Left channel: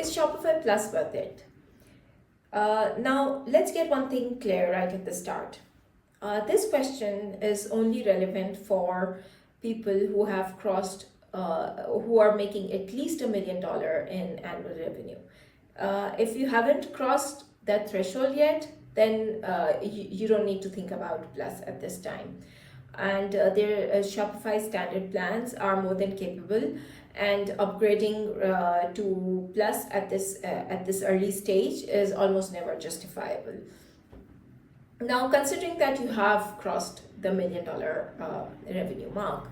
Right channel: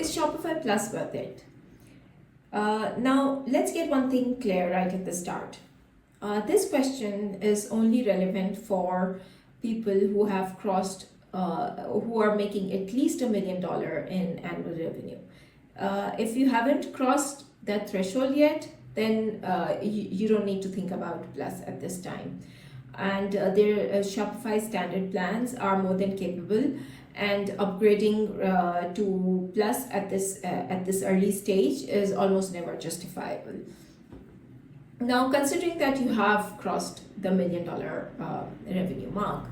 Is Shopify Plus worth it? Now, let's get one thing clear right at the start. This question is only relevant for people who have crossed, who are making at least $1 million in annual revenue. If you haven't crossed that threshold yet, then you don't need to think about Plus at this time. And their Shopify standard plans are more than capable, and upgrading to Plus at this early stage is almost never justifiable. Now, considering that you have crossed the $1 million revenue mark,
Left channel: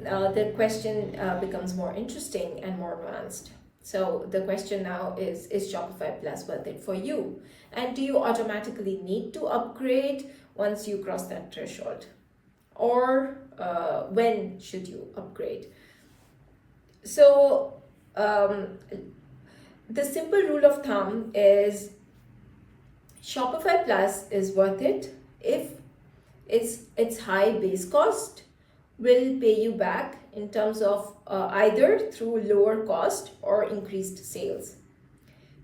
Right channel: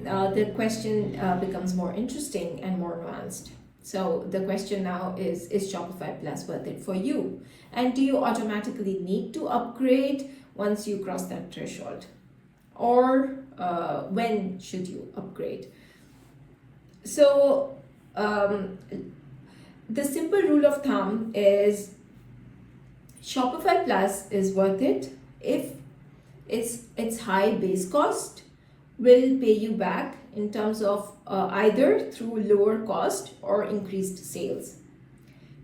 the question becomes more interesting and more nuanced. So the question now is Shopify Plus worth it for you? And do you automatically need to upgrade once you cross that threshold? Or when should you upgrade? So the simple rule of thumb is Shopify Plus is worth it if its high base cost will pay you back in terms of either through lower cost or increased sales.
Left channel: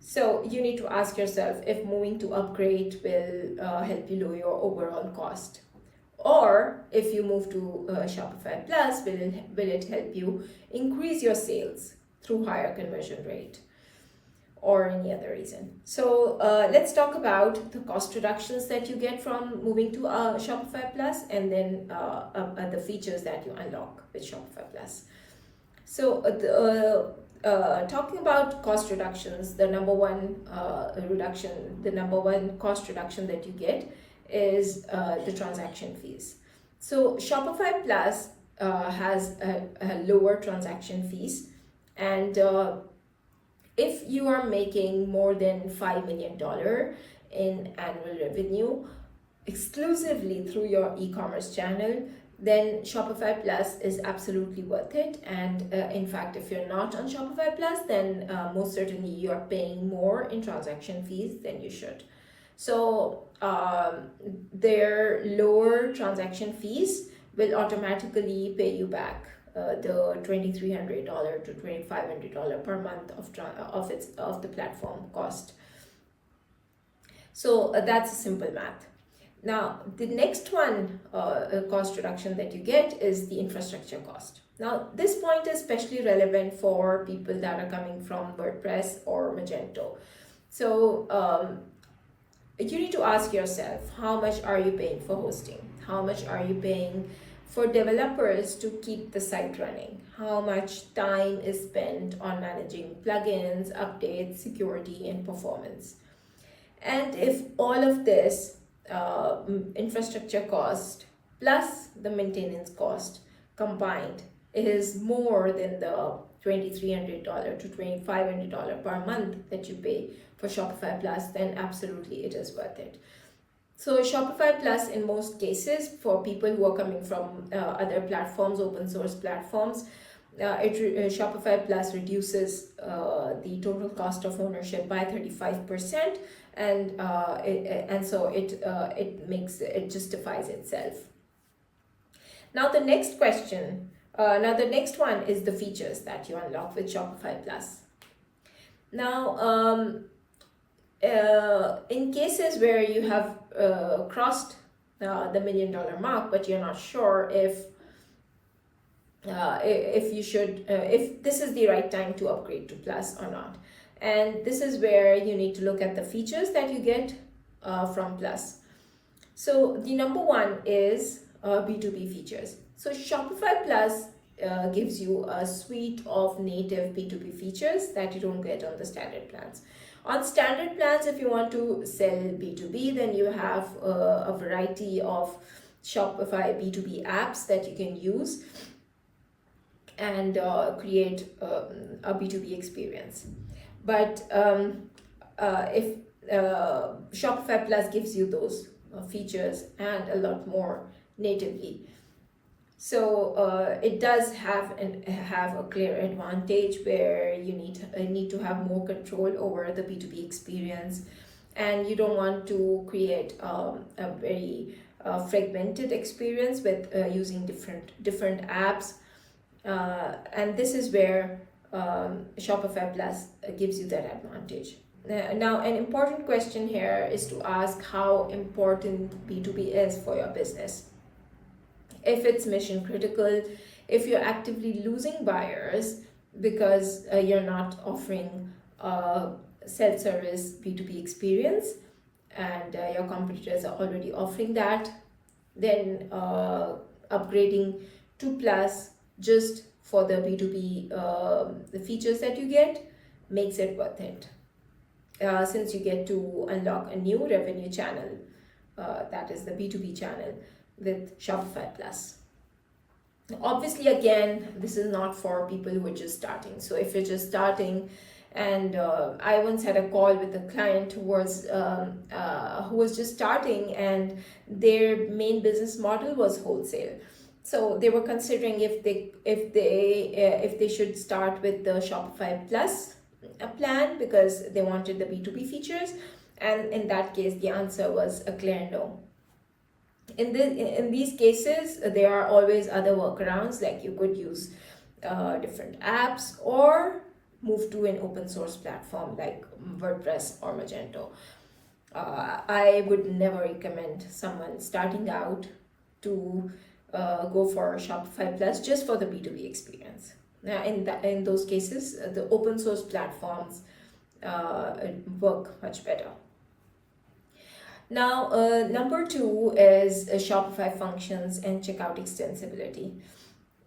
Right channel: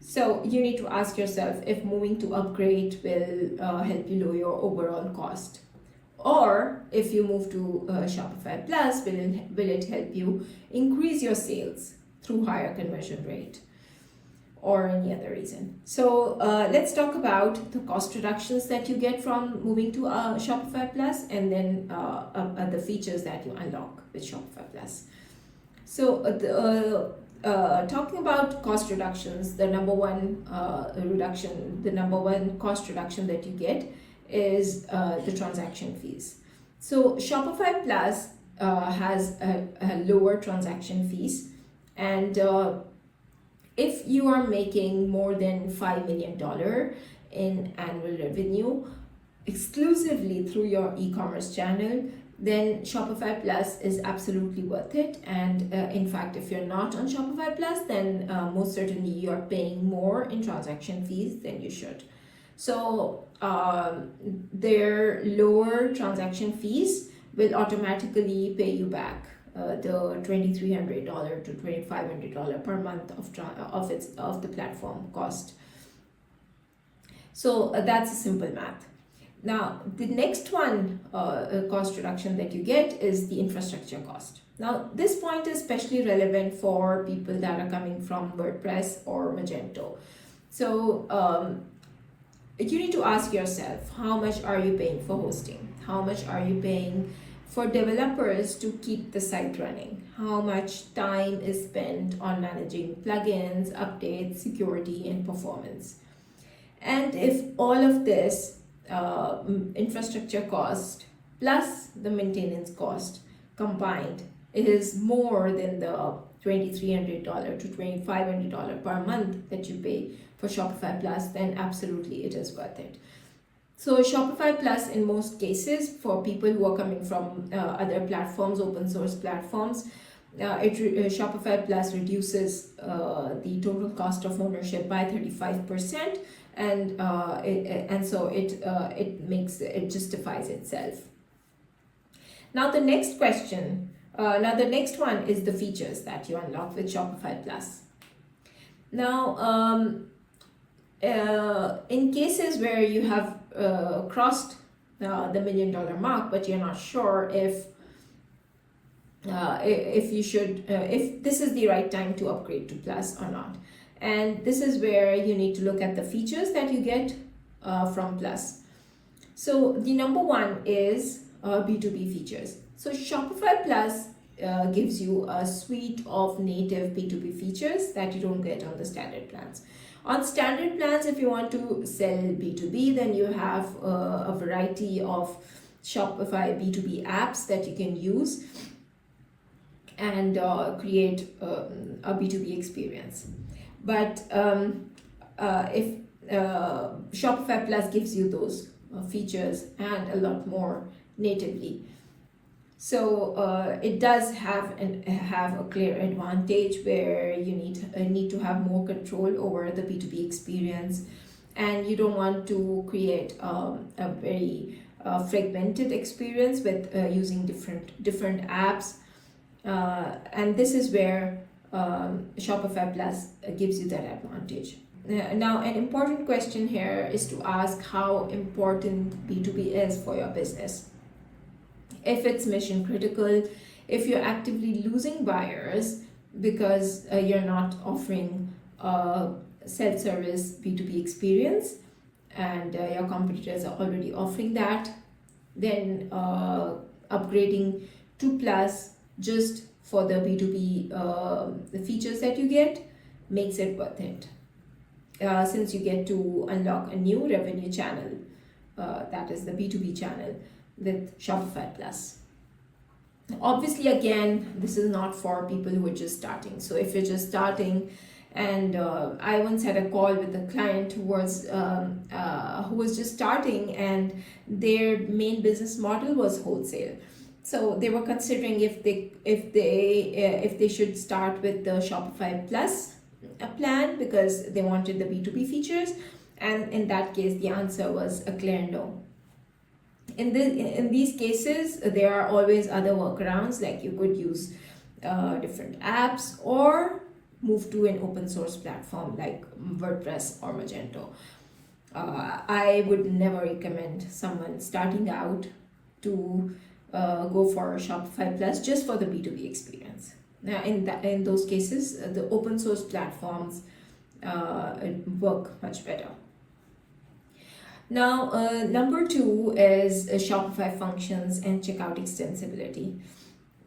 So you need to ask yourself if moving to upgrade will help you lower your overall cost. Or if you move to Shopify Plus, will it help you increase your sales through higher conversion rate or any other reason? So let's talk about the cost reductions that you get from moving to Shopify Plus, and then the features that you unlock with Shopify Plus. So talking about cost reductions, the number one cost reduction that you get is the transaction fees. So Shopify Plus has a lower transaction fees, and if you are making more than $5 million in annual revenue exclusively through your e-commerce channel, then Shopify Plus is absolutely worth it. And in fact, if you're not on Shopify Plus, then most certainly you're paying more in transaction fees than you should. So their lower transaction fees will automatically pay you back the $2,300 to $2,500 per month of the platform cost. So that's a simple math. Now, the next one cost reduction that you get is the infrastructure cost. Now, this point is especially relevant for people that are coming from WordPress or Magento. So you need to ask yourself, how much are you paying for hosting? How much are you paying for developers to keep the site running? How much time is spent on managing plugins, updates, security, and performance? And if all of this infrastructure cost plus the maintenance cost combined is more than the $2,300 to $2,500 per month that you pay for Shopify Plus, then absolutely it is worth it. So Shopify Plus, in most cases, for people who are coming from other platforms, open source platforms, Shopify Plus reduces the total cost of ownership by 35%, and so it justifies itself. Now the next one is the features that you unlock with Shopify Plus. Now, in cases where you have crossed the $1 million mark, but you're not sure if this is the right time to upgrade to Plus or not, and this is where you need to look at the features that you get from Plus. So the number one is B2B features. So Shopify Plus gives you a suite of native B2B features that you don't get on the standard plans. On standard plans, if you want to sell B2B, then you have a variety of Shopify B2B apps that you can use and create a B2B experience. But if Shopify Plus gives you those features and a lot more natively. So it does have a clear advantage where you need to have more control over the B2B experience, and you don't want to create a very fragmented experience with using different apps, and this is where Shopify Plus gives you that advantage. Now, an important question here is to ask how important B2B is for your business. If it's mission critical, if you're actively losing buyers because you're not offering a self-service B2B experience, and your competitors are already offering that, then upgrading to Plus just for the B2B the features that you get makes it worth it. Since you get to unlock a new revenue channel, that is the B2B channel with Shopify Plus. Obviously, again, this is not for people who are just starting. So if you're just starting, and I once had a call with a client who was just starting, and their main business model was wholesale. So they were considering if they should start with the Shopify Plus plan because they wanted the B2B features, and in that case the answer was a clear no. In these cases, there are always other workarounds, like you could use different apps or move to an open source platform like WordPress or Magento. I would never recommend someone starting out to go for Shopify Plus just for the B2B experience. Now, in those cases, the open source platforms work much better. Now, number 2 is Shopify functions and checkout extensibility.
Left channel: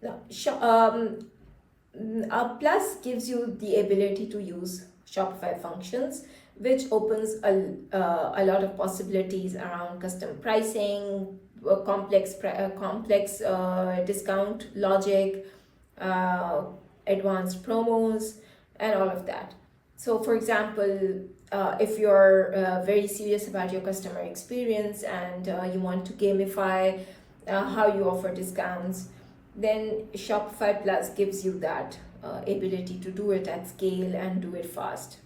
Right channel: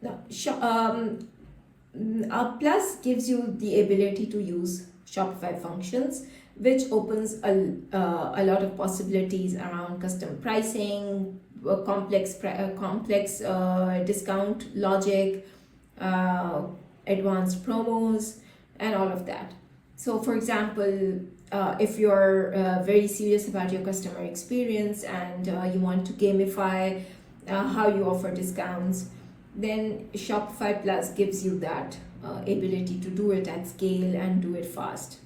Now, Plus gives you the ability to use Shopify functions, which opens a lot of possibilities around custom pricing, complex discount logic, advanced promos, and all of that. So, for example, if you're very serious about your customer experience and you want to gamify how you offer discounts, then Shopify Plus gives you that ability to do it at scale and do it fast.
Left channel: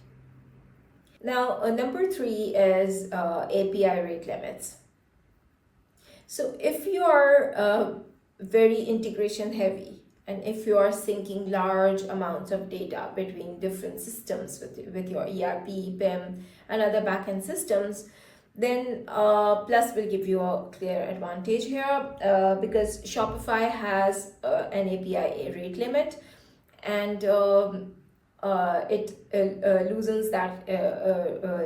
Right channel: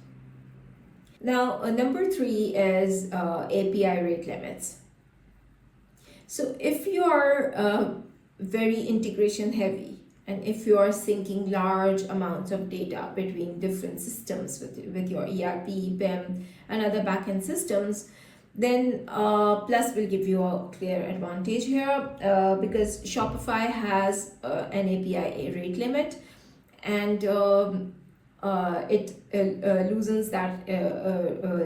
Now, number 3 is API rate limits. So if you are very integration heavy, and if you are syncing large amounts of data between different systems with your ERP, PIM, and other backend systems, then Plus will give you a clear advantage here because Shopify has an API rate limit, and it loosens that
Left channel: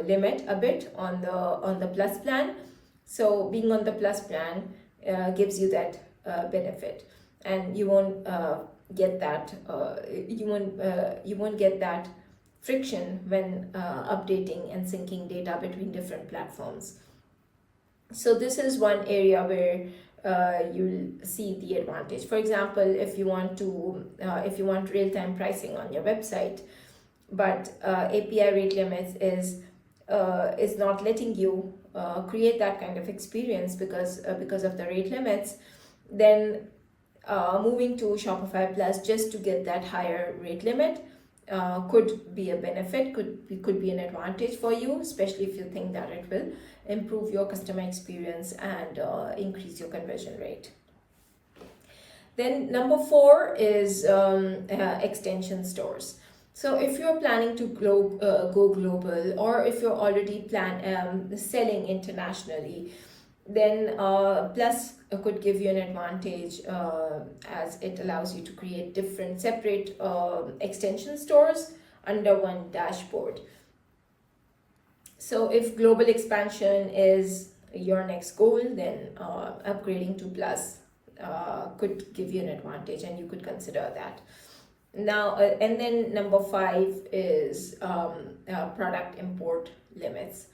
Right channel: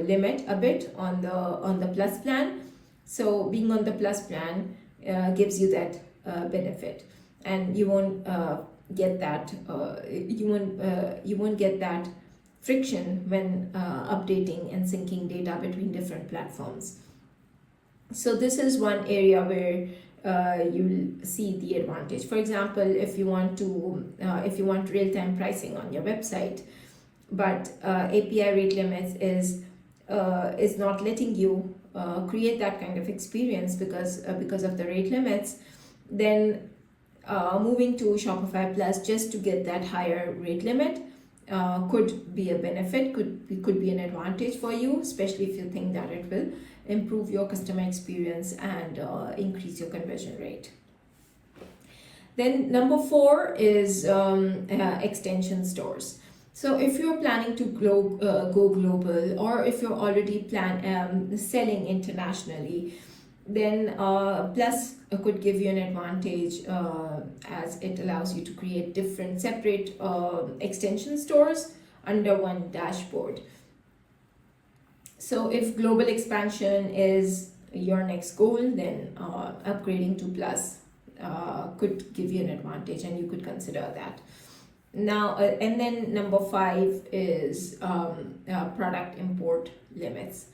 limit a bit on the Plus plan. So being on the Plus plan gives you that benefit, and you won't get that you won't get that friction when updating and syncing data between different platforms. So this is one area where you'll see the advantage. For example, if you want real-time pricing on your website, but API rate limits is not letting you create that kind of experience because of the rate limits, then moving to Shopify Plus just to get that higher rate limit could be a benefit, could be an advantage for you, especially if you think that it will improve your customer experience and increase your conversion rate. Then number 4 is extension stores. So if you're planning to go global, or if you're already selling internationally, then Plus could give you an advantage as it allows you to create different separate extension stores under one dashboard. So if global expansion is your next goal, then upgrading to Plus could give you an advantage, and you could consider that. Now, and then number 5 is product import limits.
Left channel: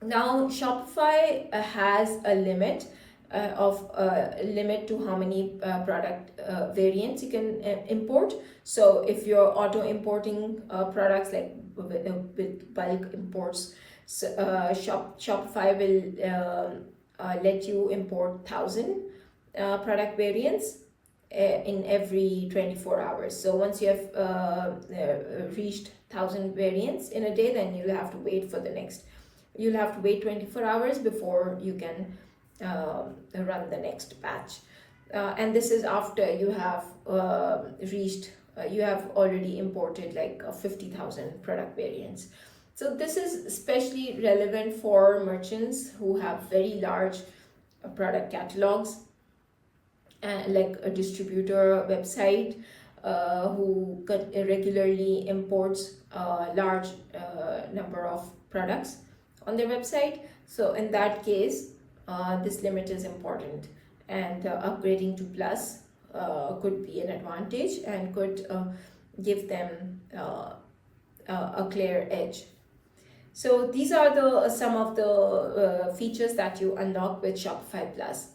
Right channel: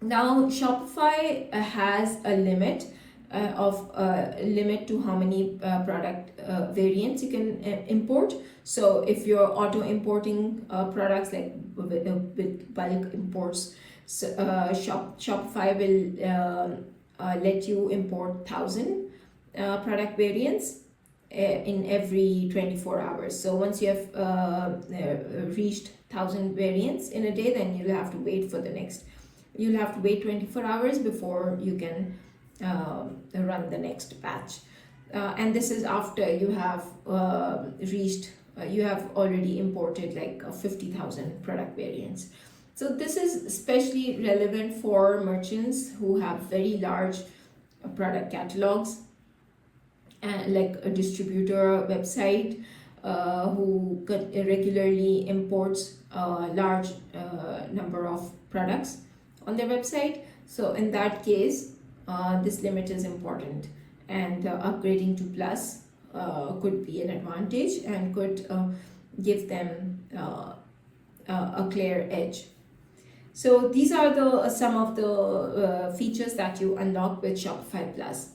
Now, Shopify has a limit to how many product variants you can import. So if you're auto importing products like with bulk imports, so, Shopify will let you import 1,000 product variants in every 24 hours. So once you have reached 1,000 variants in a day, then you'll have to wait 24 hours before you can run the next batch. And this is after you have reached you have already imported like 50,000 product variants. So this is especially relevant for merchants who have very large product catalogs, and like a distributor website who regularly imports a large number of products on their website. So in that case, this limit is important, and upgrading to Plus could be an advantage and could give them a clear edge. So these are the some of the features that you unlock with Shopify Plus.